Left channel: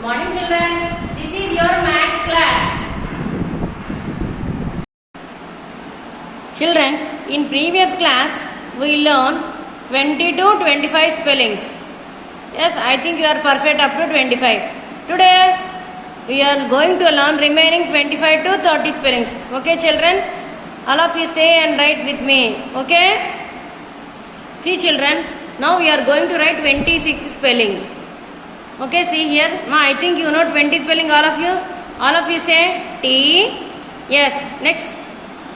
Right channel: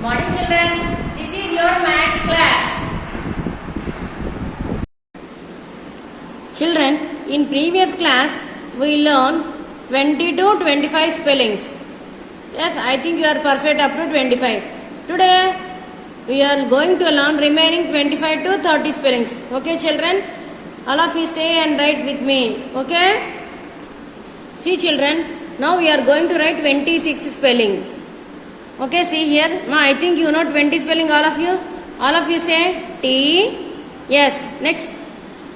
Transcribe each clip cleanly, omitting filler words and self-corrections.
Good morning children. This is your maths class. Children, in previous class we learned 20 to 25 spellings. Yes, I think you are perfect up to 25. Today we are going to learn remaining 25 to 30 spellings. Okay children? All of you say and write with me. Okay? See children, now we are going to write 26 spelling. Okay, see here. I think you know 20 spelling, all of you. All of you say T. Yes, next.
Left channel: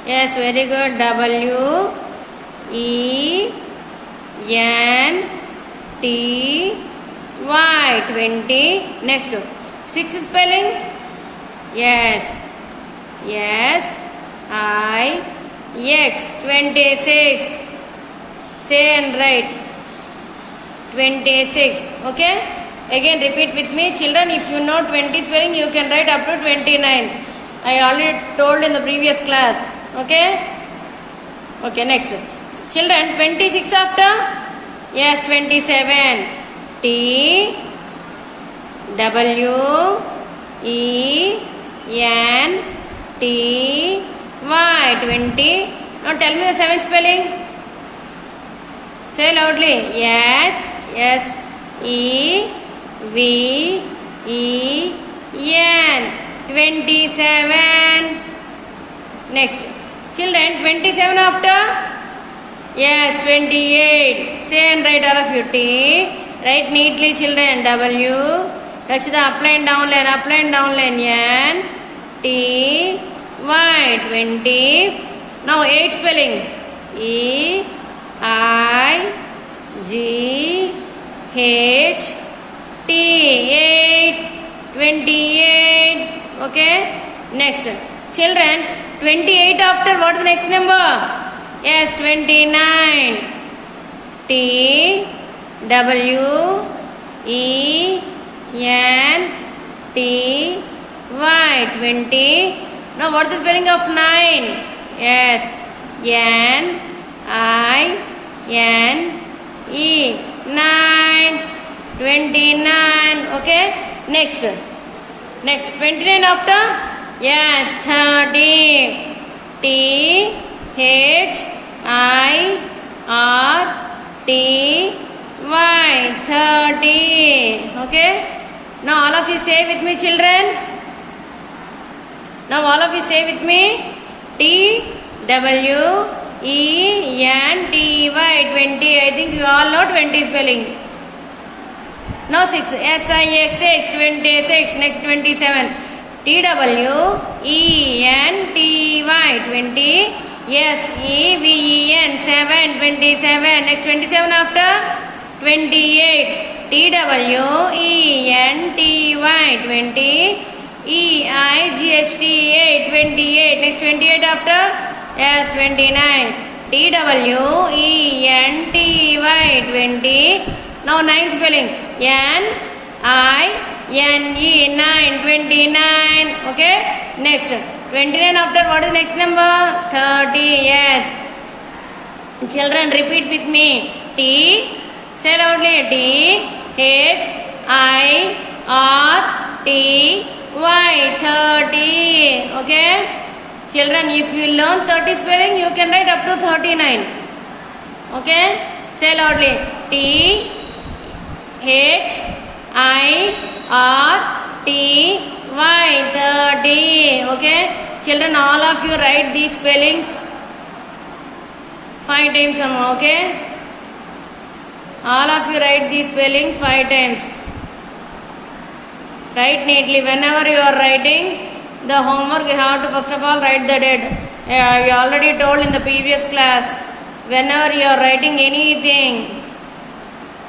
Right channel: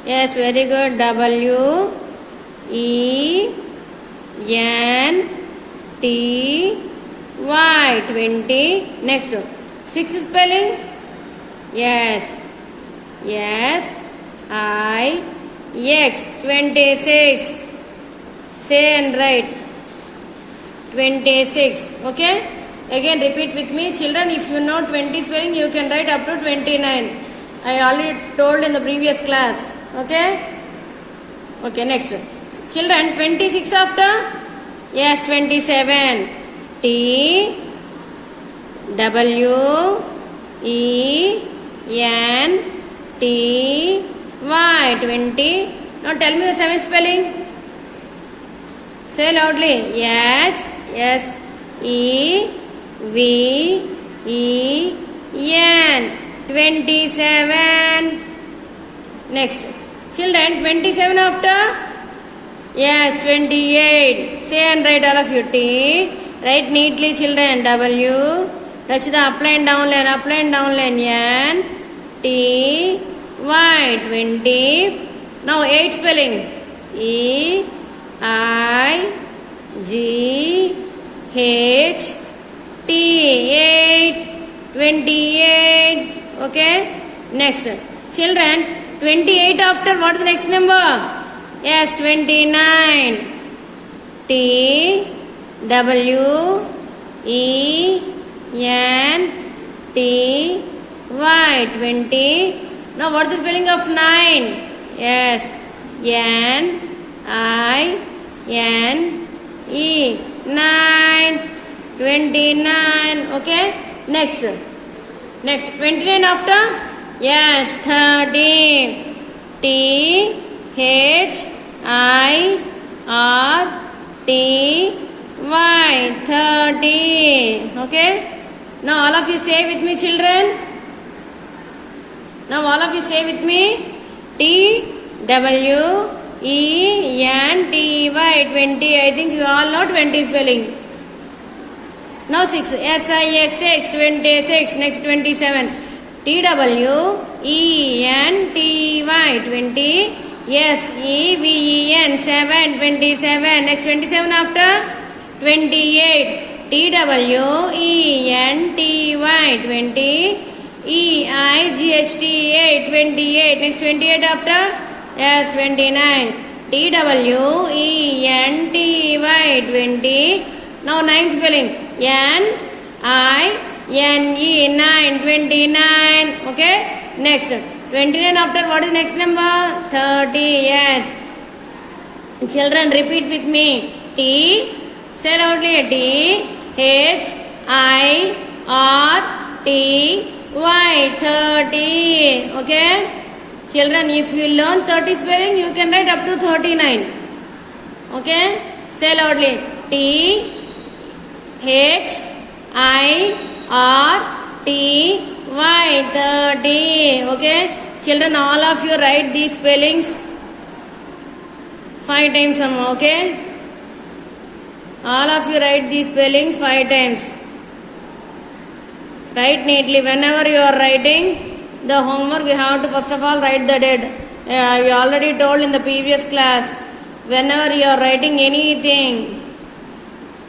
Yes, very good. W, E, N, T, Y. 20. Next. 6 spelling. Yes. Yes. I, X. 26. Say and write. 26. Okay. Again repeat with me children, if you know 20 spelling you can write up to 29. I already told in the previous class. Okay. Okay, next. Children, 26 after? Yes, 27. T, W, E, N, T, Y. 20. Now tell me the 7 spelling. Say loudly. Yes, yes, E, V, E, N. 27. Next. Children, 27 after? Yes, 28. Say and write all of you. T. Write neatly children. W. Touch the up line, down line, up line, down line. N. T. Y. 20. Now 8 spelling. E, I, G, H, T. 8. 28. Okay. Next. Children, 28 after what is the next number? Yes, 29. T, W, E, N, T, Y. 20. Now what is the spelling of 9? Yes, N, I, N, E. 9. 29. Okay. Next. 29 after? Yes, 30. T, H, I, R, T, Y. 30. Okay. Now all of you say with me children. Now all of you say with me. T, W, E, N, T, Y. 20. I think you all know 20 spelling. Now 6. S, I, X, X. 26. Next 27. T, W, E, N, T, Y. 20. S, E, V, E, N. 7. 27. Next 27 after? 28. T, W, E, N, T, Y. 20. E, I, G, H, T, 8. 28. Next 28 after? Yes, 29. T, W, E, N, T, Y. 20. Now 9 spelling. N, I, N, E. 9. 29. Okay. Next. 29 after what is next number? 30. Yes. Children, repeat with me. T. Say loudly. T, H, I, R, T, Y. 30. Okay. Children, if you learn 30 spelling, you can write up to 39. Okay. Say loudly. T, H, I, R, T, Y. 30. Okay. Children, all of you write these spellings 5 times. Okay. All of you write these spellings 5 times. Write neatly. Whenever you are writing the homework, you have to first of all write the date. I already told in the previous class. Whenever you are writing anything,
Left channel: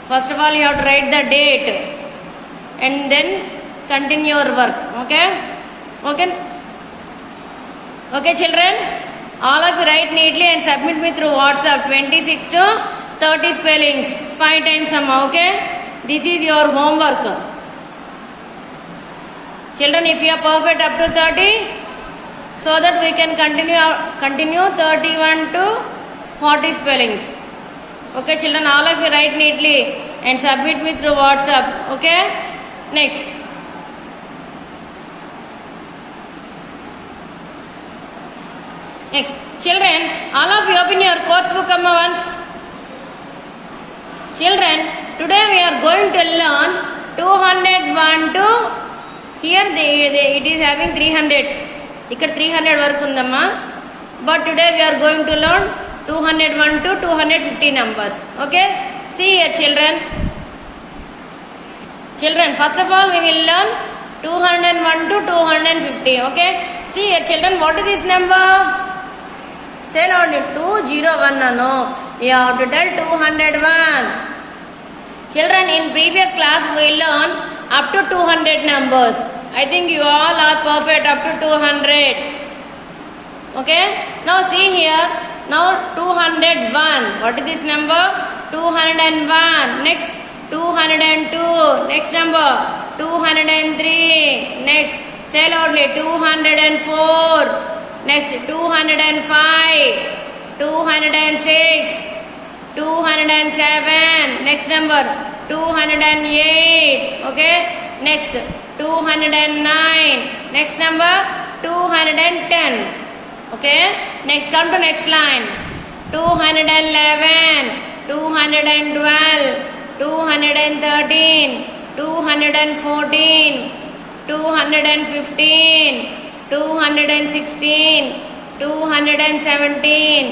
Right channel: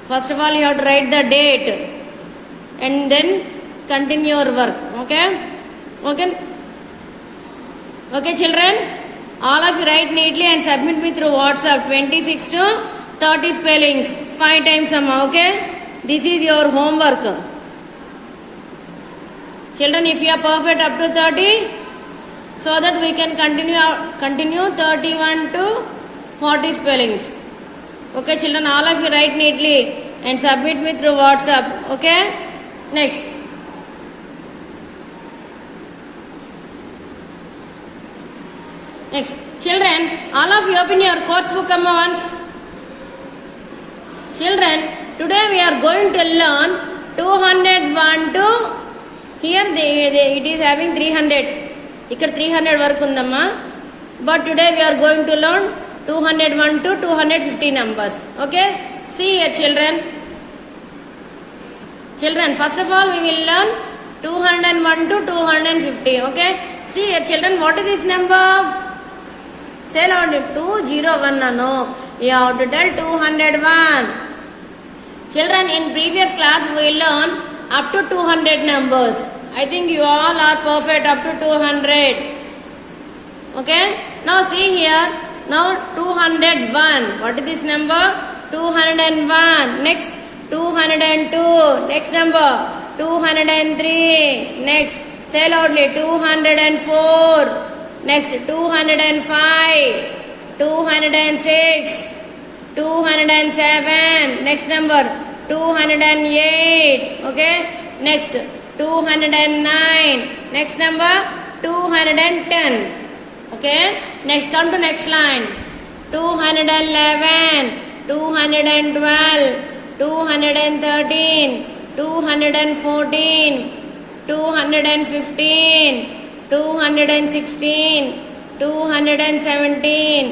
first of all you have to write the date and then continue your work. Okay? Okay? Okay children? All of you write neatly and submit me through WhatsApp. 26 to 30 spellings. 5 times. Okay? This is your homework. Children, if you are perfect up to 30, so that we can continue 31 to 40 spellings. Okay children, all of you write neatly and submit me through WhatsApp. Okay. Next. Next, children, all of you open your course book once. Children, today we are going to learn 201 to here it is having 300. ఇక్కడ 300 వరకు ఉందమ్మా. But today we are going to learn 201 to 250 numbers. Okay? See here, children. Children, first of all we will learn 201 to 250. Okay? See here, children, what is this number? Say loudly, 201. No, you have to tell 201. Children, in previous class we learned up to 200 numbers. I think you all are perfect up to 200. Okay? Now see here. Now 201. What is this number? 201. Next 202. Next number 203. Next, say loudly, 204. Next 205. 206. 207. Next number 208. Okay? Next 209. Next number 210. Okay? Next, come to next line. 211. 212. 213. 214. 215. 216. 217.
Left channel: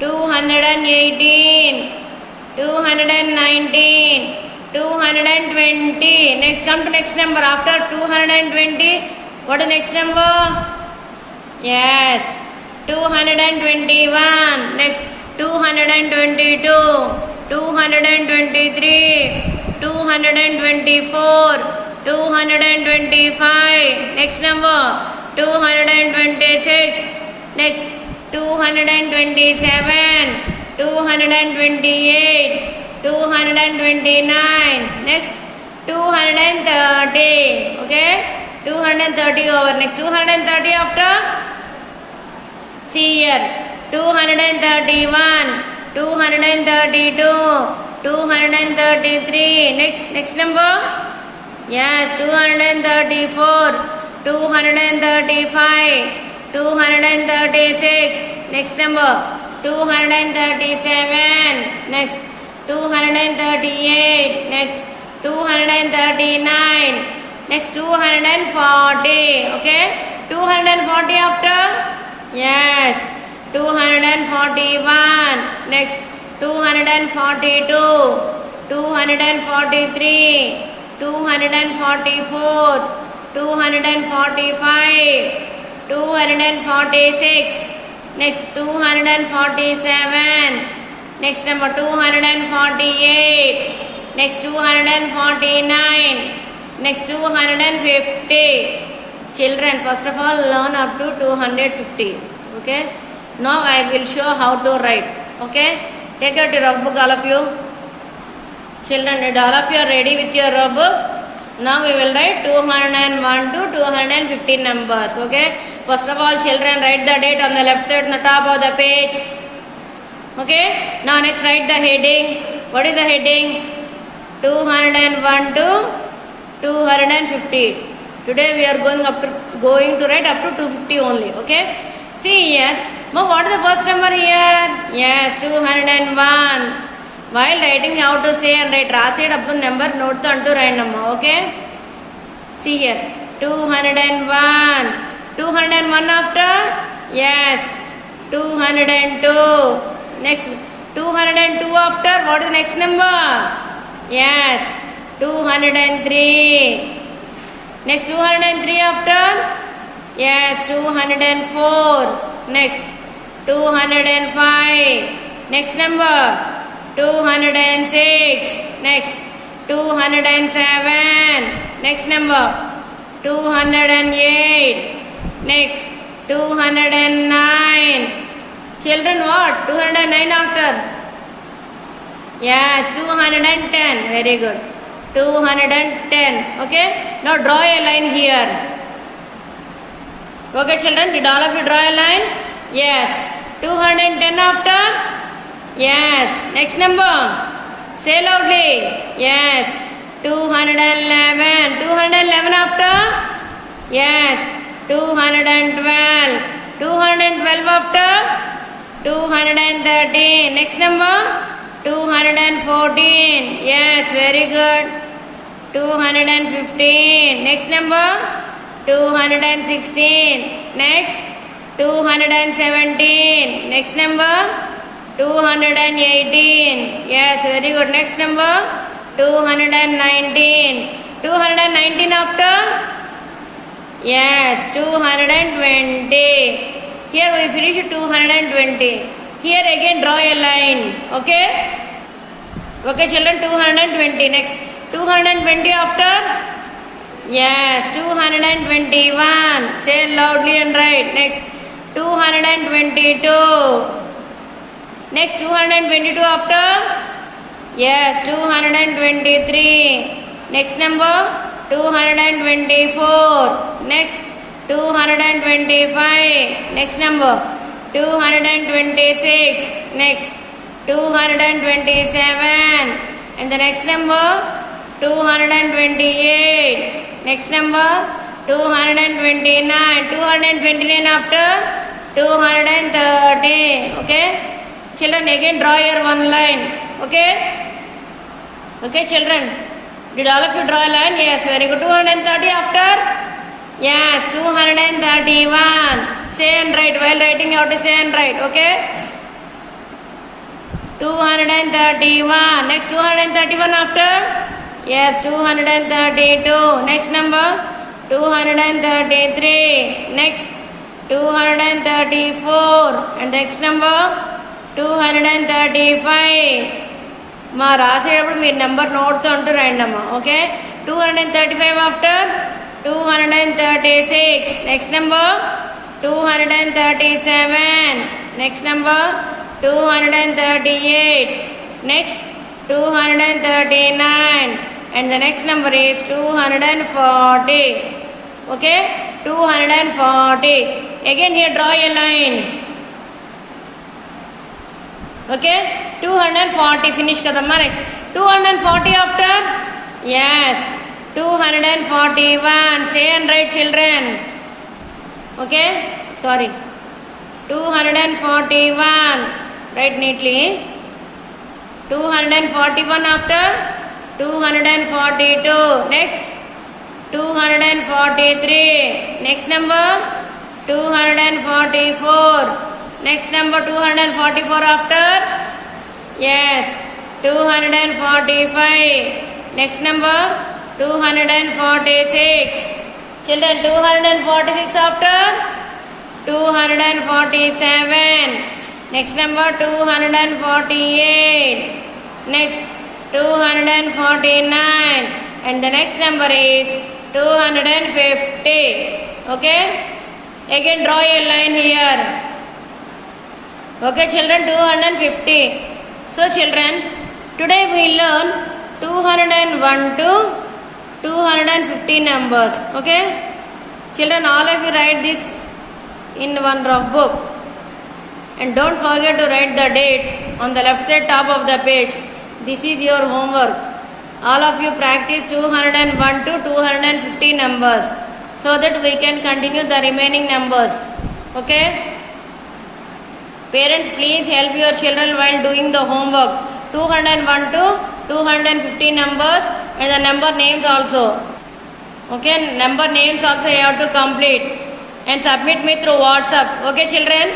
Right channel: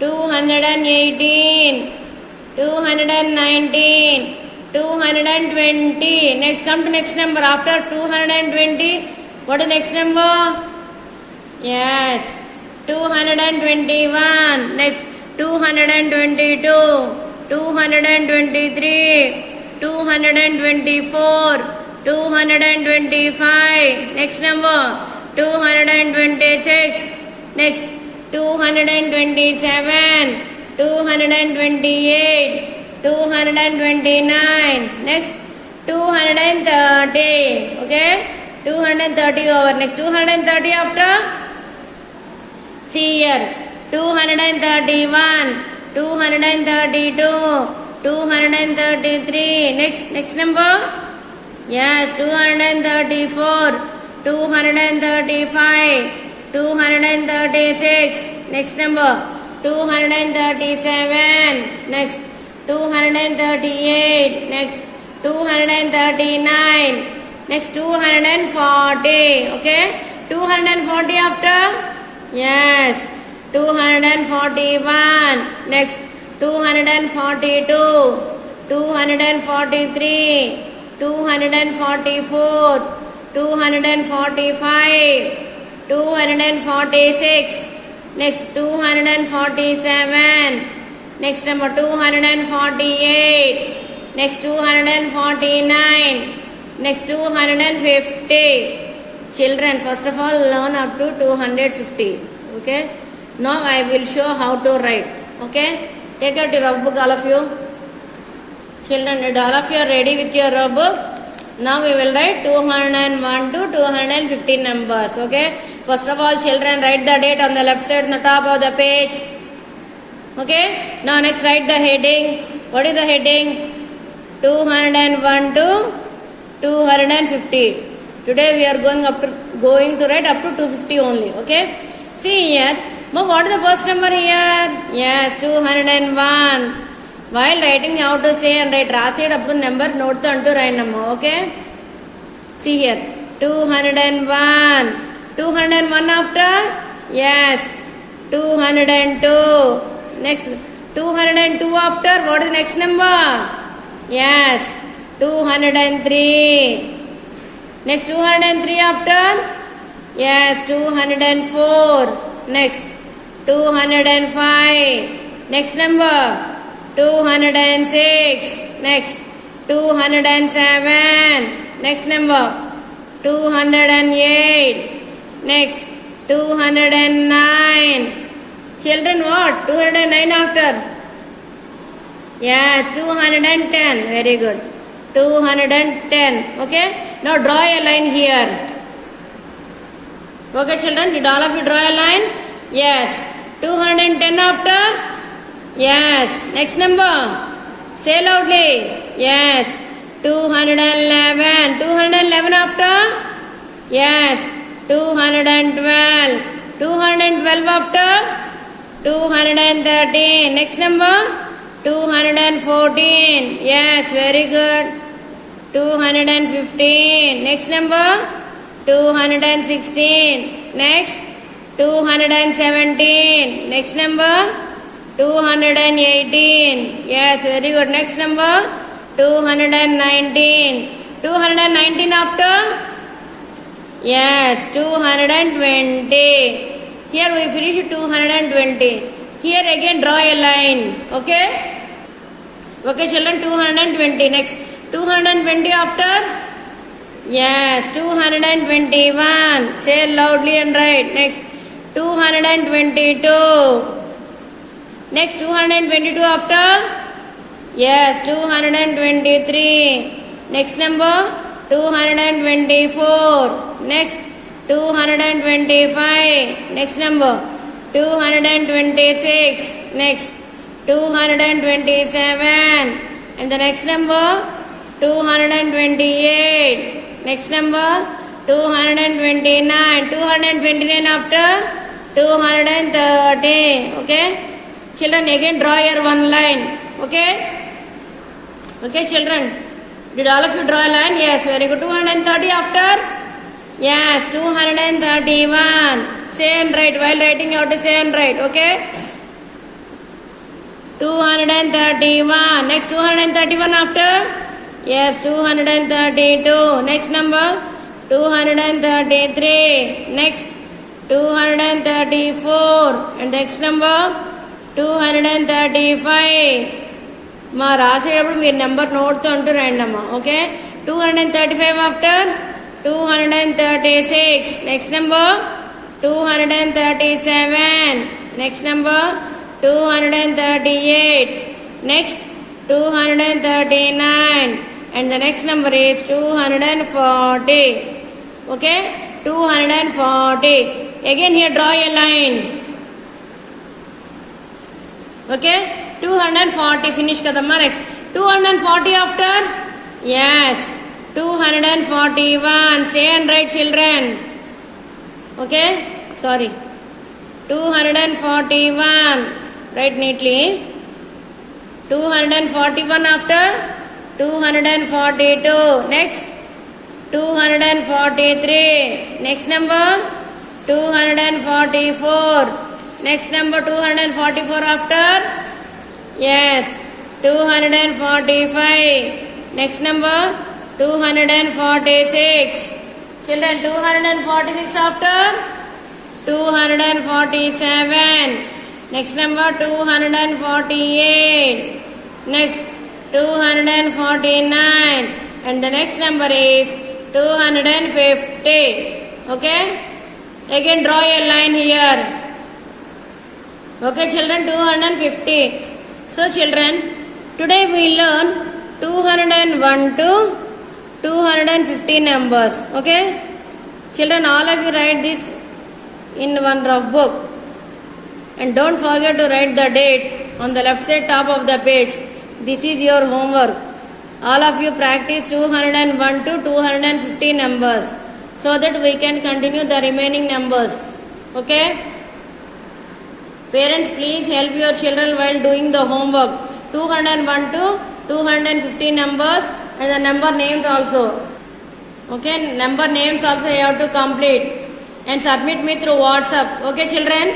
218. 219. 220. Next, come to next number. After 220, what is next number? Yes, 221. Next, 222. 223. 224. 225. Next number 226. Next 227. 228. 229. Next 230. Okay, 230 over. Next 230 after. See here, 231. 232. 233. Next number. Yes, 234. 235. 236. Next number 237. Next 238. Next 239. Next 240. Okay, 240 after. Yes, 241. Next 242. 243. 244. 245. 246. Next 247. Next number 248. Next 249. Next 250. Children, first of all learn up to 250. Okay, now I will show how to write. Okay, take out your rough book, all of you. Children, all of you are ready with your rough book. Now we will write 201 to 250 numbers. Okay, first of all, children, write the date on the left side on the top of the page. Okay, now next write the heading. What is the heading? 201 to 250. Today we are going to write up to 250 only. Okay, see here. Now what is the first number here? Yes, 201. While writing how to say and write రాసేటప్పుడు up to number note తో అంటూ రాయండమ్మా. Okay, see here, 201. 201 after. Yes, 202. Next 202 after. What is the next number? Yes, 203. Next 203 after. Yes, 204. Next 205. Next number 206. Next 207. Next number 208. Next 209. Children, what? 209 after. Yes, 210. Very good. 210. Okay, now draw a line here. Okay, children, did all of you draw a line? Yes. 210 after. Yes. Next number. Say loudly. Yes. 211. 211 after. Yes. 212. 212 after 213. Next number 214. Yes, very good. 215. Next number 216. Next 217. Next number 218. Yes, very good. Next number 219. 219 after? Yes, 220. Here we finish 220. Here again draw a line. Okay? Okay, children, 220. Next, 220 after? Yes, 221. Say loudly and write. Next, 222. Next, 222 after? Yes, 223. Next number, 224. Next, 225. Next number, 226. Next, 227. And the next number, 228. Next number, 229. 229 after 230. Okay? Children, again draw your one line. Okay? Okay, children. Did all of you draw a line? Yes, very good. 230 after? Yes, 231. Say and write. While writing, you have to say and write. Okay? 231. Next, 231 after? Yes, 232. Next number? 233. Next, 234. And next number? 235. మా రాసేటప్పుడు మీరు number నోట్తో అంటూ రండి అమ్మా. Okay, 235 after 236. Next number 237. Next number 238. Next 239. And the next number is 240. Okay, 240. Again here draw a line. Okay, 240 finish kadamma. Next, 240 after? Yes, 241. Say and write, children. Okay, sorry, 241. Write neatly. 241 after? 242. Next, 243. Next number 244. Next number 244 after? Yes, 245. Next number 246. Children, 246 after? 247. Next number 248. Next 249. And the next number is 250. Okay? Again draw a line here. Okay, children, 250. So, children, today we learn 201 to 250 numbers. Okay? Children, all of you write this in one rough book. And don't forget to write the date on the left side top of the page. This is your homework. All of you practice 201 to 250 numbers so that we can continue the remaining numbers. Okay? Parents, please help your children while doing the homework. 201 to 250 numbers and the number names also. Okay, number names also you have to complete and submit me through WhatsApp. Okay, children?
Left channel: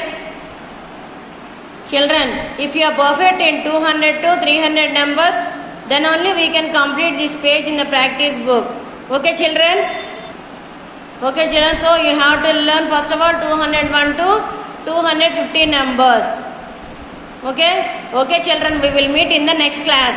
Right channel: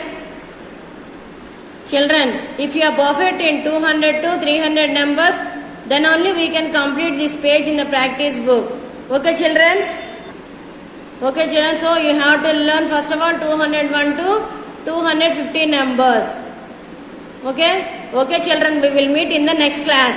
Children, if you are perfect in 200 to 300 numbers, then only we can complete this page in the practice book. Okay, children? Okay, children, so you have to learn first of all 201 to 250 numbers. Okay? Okay, children, we will meet in the next class.